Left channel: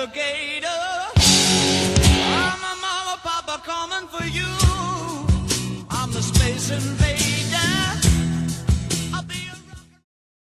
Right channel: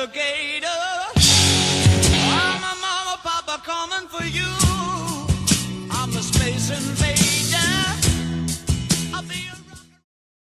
alligator. I'm a mama, papa coming for you. I'm a space invader.